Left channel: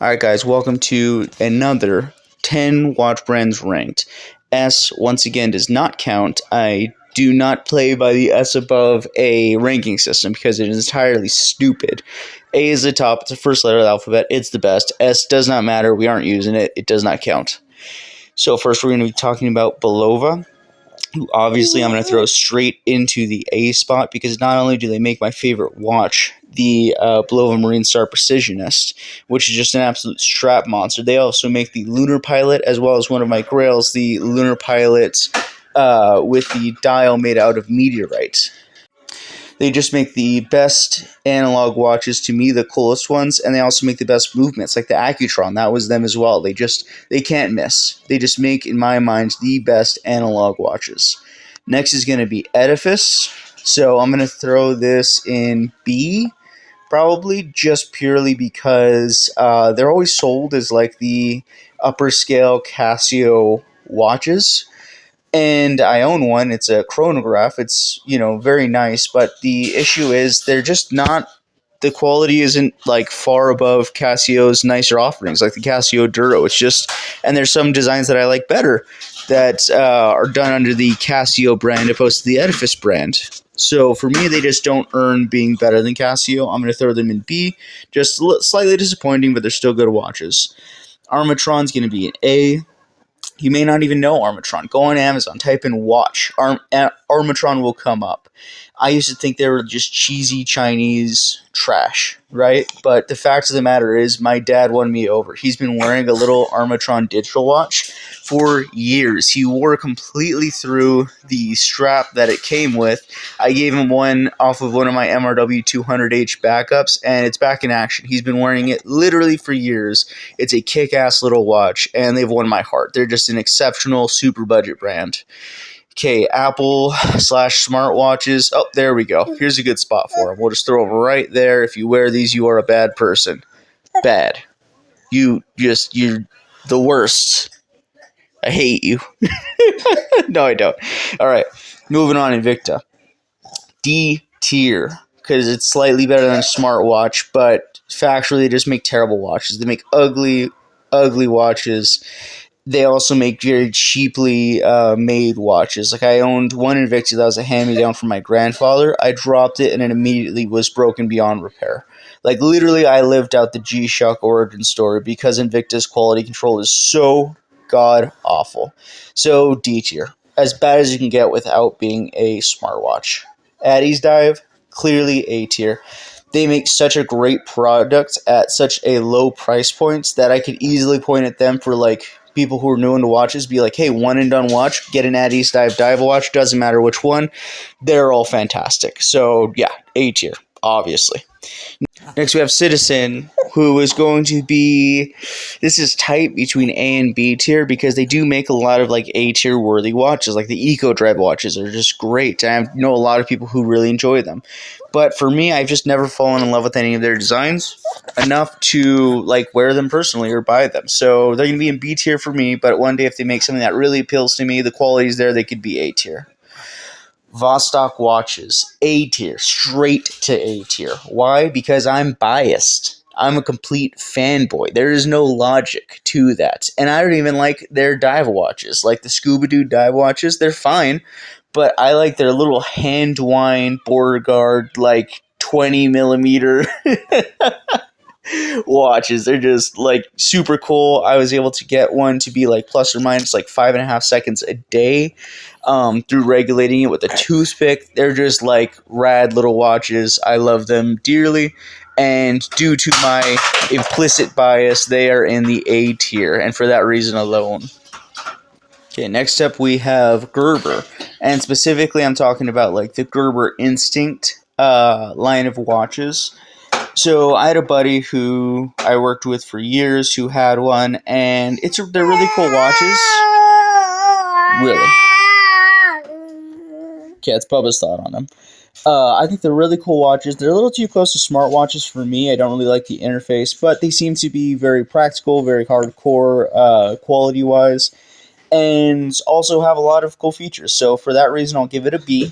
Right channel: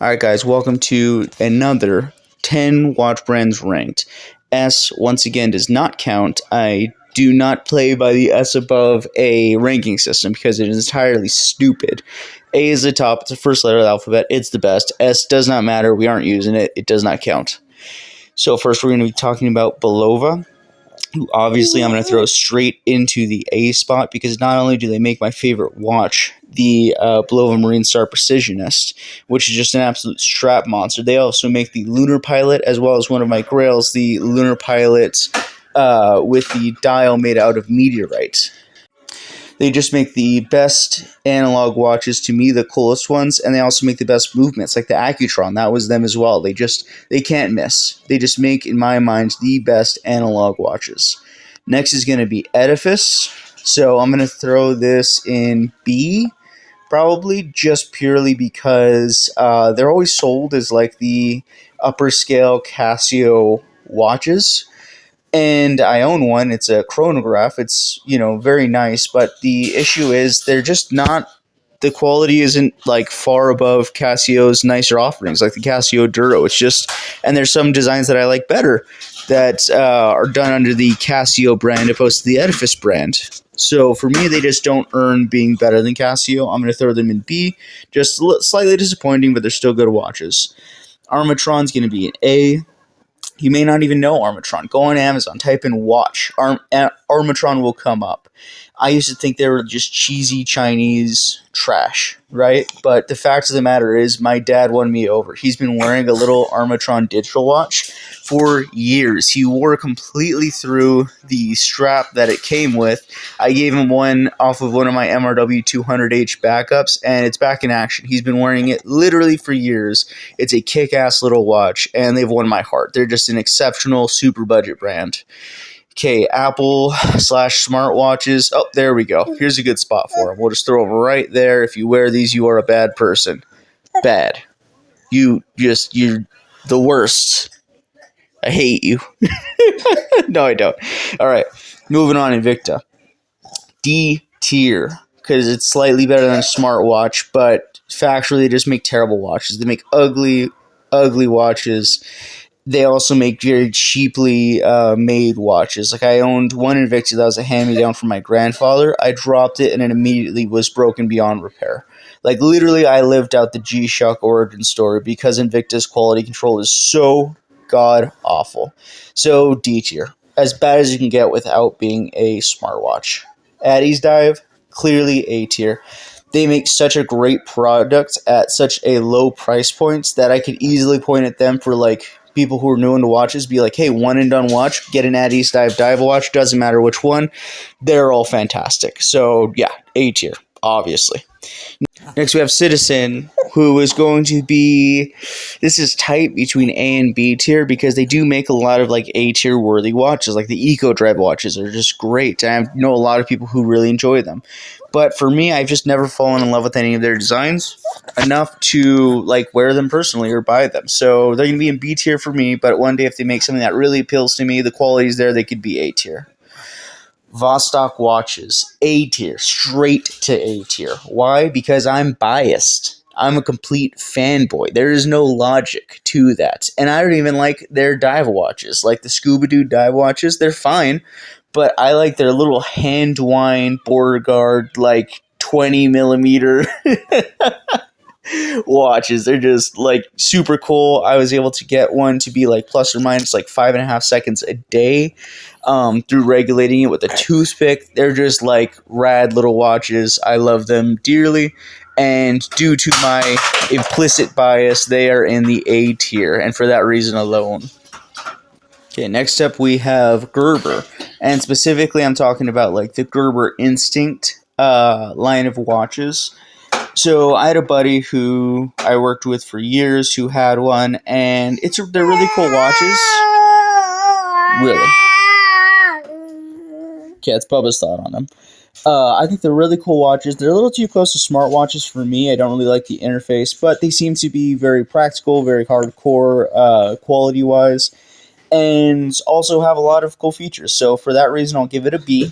Alright guys, welcome to another 10 watch brands ranked. S, once again, does not count. I do not play by the S above A ranking system because it is entirely stupid. A is the top, it's the first letter of the alphabet, it's the best. S does not matter, we aren't using it, it does not count. So first we're going to be talking about Bulova, who obviously I'm going to throw straight into the A spot because not only do they make my favorite watch, the Bulova Marine Star Precisionist, which is just an absolute strap monster. They also make the Lunar Pilot, as well as one of my grails, the Lunar Pilot with the dial made out of meteorite. They just make the best analog watches, to me, the coolest ones, and they also make the best movements, like the Accutron. That was them as well. They can't miss. They just make, in my mind, the best analog watches. Next is going to be Edifice. So I'm going to throw this in B, probably just purely because they're always sold as like the upper scale Casio watches. And I own one. It's a chronograph. It's, very nice, but the issue is they're just not, the quality isn't like far above Casio's nicer offerings, like the Casio Duro. It's just, and there's some designs that I like better that are done under the Casio brand opposed to the Edifice brand. So for me, they just don't earn being better than Casio. I'm going to throw them in B. Just slightly disappointing, but they're still good watches. Armatron's going to be an A. You may not even know Armatron. Go on Amazon, type in watch. Armatron will come up. I used to think they were just cheesy Chinese trash, right? But the fact of the matter is, my dad won me over. He's been wearing a little Armatron digital watch for years. He wore completely through the strap that it came with. I gave him one off of one of my MRW 200H backups, and it's back in action. He's been wearing it literally for years. It's a kick-ass little watch, and they've won my heart. They're just an exceptional super budget brand. Okay, Apple / smartwatches. Oh, there we go. Here's a good spot for them. We'll just throw them right there. If you wear these, you are a bad person. Bad. You're the worst. I hate you. No, I don't. All right, moving on, Invicta. D tier, because it's slightly better than a smartwatch, but factually they just make terrible watches. They make ugly watches. They also make very cheaply made watches. Like, I owned one Invicta that was a hand-me-down from my grandfather. I dropped it and it immediately was broken beyond repair. Like, literally, I lived out the G-Shock origin story because Invicta's quality control is so god-awful. So, D tier. As bad as you can get without being a smartwatch. Addy's Dive, clearly A tier. They make such a great product at such a low price point that I could easily point at them for, like, people who are new into watches, be like, hey, one and done watch, get an Addy's Dive watch, doesn't matter which one, they're all fantastic. So yeah, A tier, obviously. Next we have Citizen, who is going to be, this is tight between A and B tier because they do make a lot of like A tier worthy watches, like the Eco Dread watches are just great, and I know a lot of people who really enjoy them. But for me, I've just never fallen in love with any of their designs enough to like wear them personally or buy them. So they're going to be in B tier for me, but one day if they make something that really appeals to me, the quality's there, they could be A tier. Vostok watches, A tier, straight to A tier. Why? Because I'm biased. I'm a complete fanboy. There is no logic to that. And I don't even like their dive watches. Like the Scuba-Doo dive watches, they're fine, but I like their little hand wind border guard, like 20 millimeter watches. They're just like super cool. I was able to get one to be like plus or minus like 5.5 seconds a day through regulating it with a toothpick. They're just like rad little watches. I love them dearly, and due to my implicit bias, they are in the A tier, and for that reason alone. Okay, next up we have Gerber, and specifically I'm talking about like the Gerber Instinct line of watches. So I had a buddy who I worked with for years who had one, and they're really cool watches. Really. Okay, it's Bubba's thought on them. I think they're really cool watches. They're a little too close to smartwatches for me. I don't really like the interface, but they seem to be very practical, very hardcore quality-wise, and also have a lot of cool features. So for that reason, I'll give it a B.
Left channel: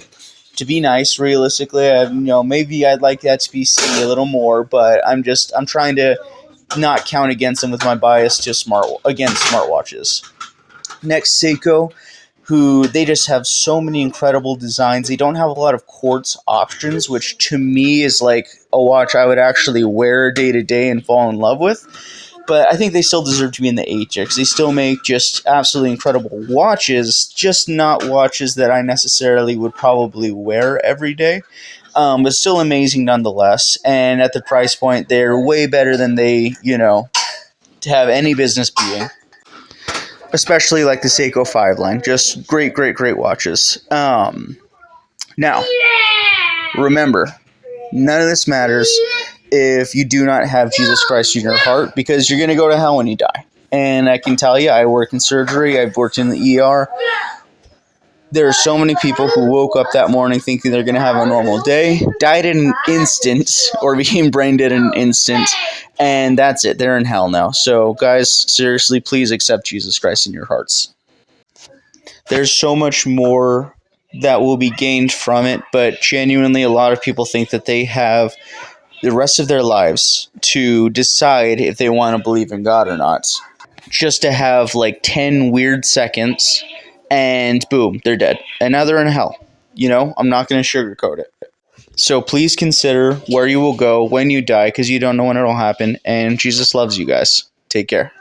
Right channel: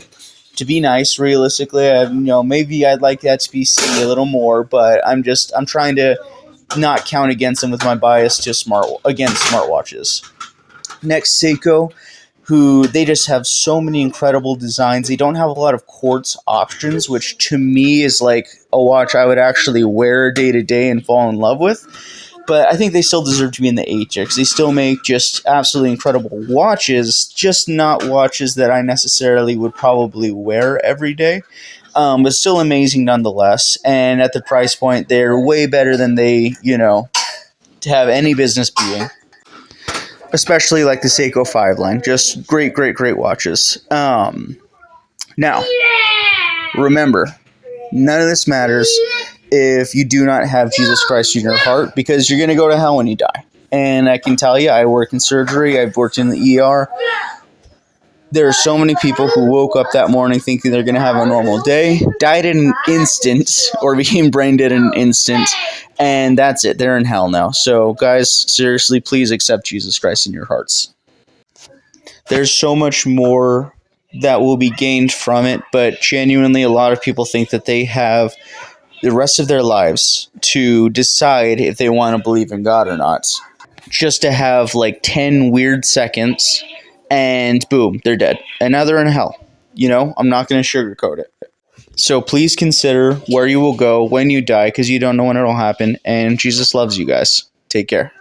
To be nice, realistically, maybe I'd like that to be C a little more, but I'm trying to not count against them with my bias to against smartwatches. Next, Seiko, who they just have so many incredible designs. They don't have a lot of quartz options, which to me is like a watch I would actually wear day to day and fall in love with. But I think they still deserve to be in the A tier because they still make just absolutely incredible watches, just not watches that I necessarily would probably wear every day. But still amazing nonetheless. And at the price point, they're way better than they, have any business being. Especially like the Seiko 5 line. Just great, great, great watches. Now, remember, none of this matters if you do not have Jesus Christ in your heart, because you're going to go to hell when you die. And I can tell you, I work in surgery. I've worked in the ER. There are so many people who woke up that morning thinking they're going to have a normal day, died in an instant, or became brain dead in an instant, and that's it. They're in hell now. So, guys, seriously, please accept Jesus Christ in your hearts. There's so much more that will be gained from it, but genuinely, a lot of people think that they have the rest of their lives to decide if they want to believe in God or not. Just to have like 10 weird seconds and boom, they're dead. And now they're in hell. I'm not going to sugarcoat it. So please consider where you will go when you die, because you don't know when it'll happen. And Jesus loves you guys. Take care.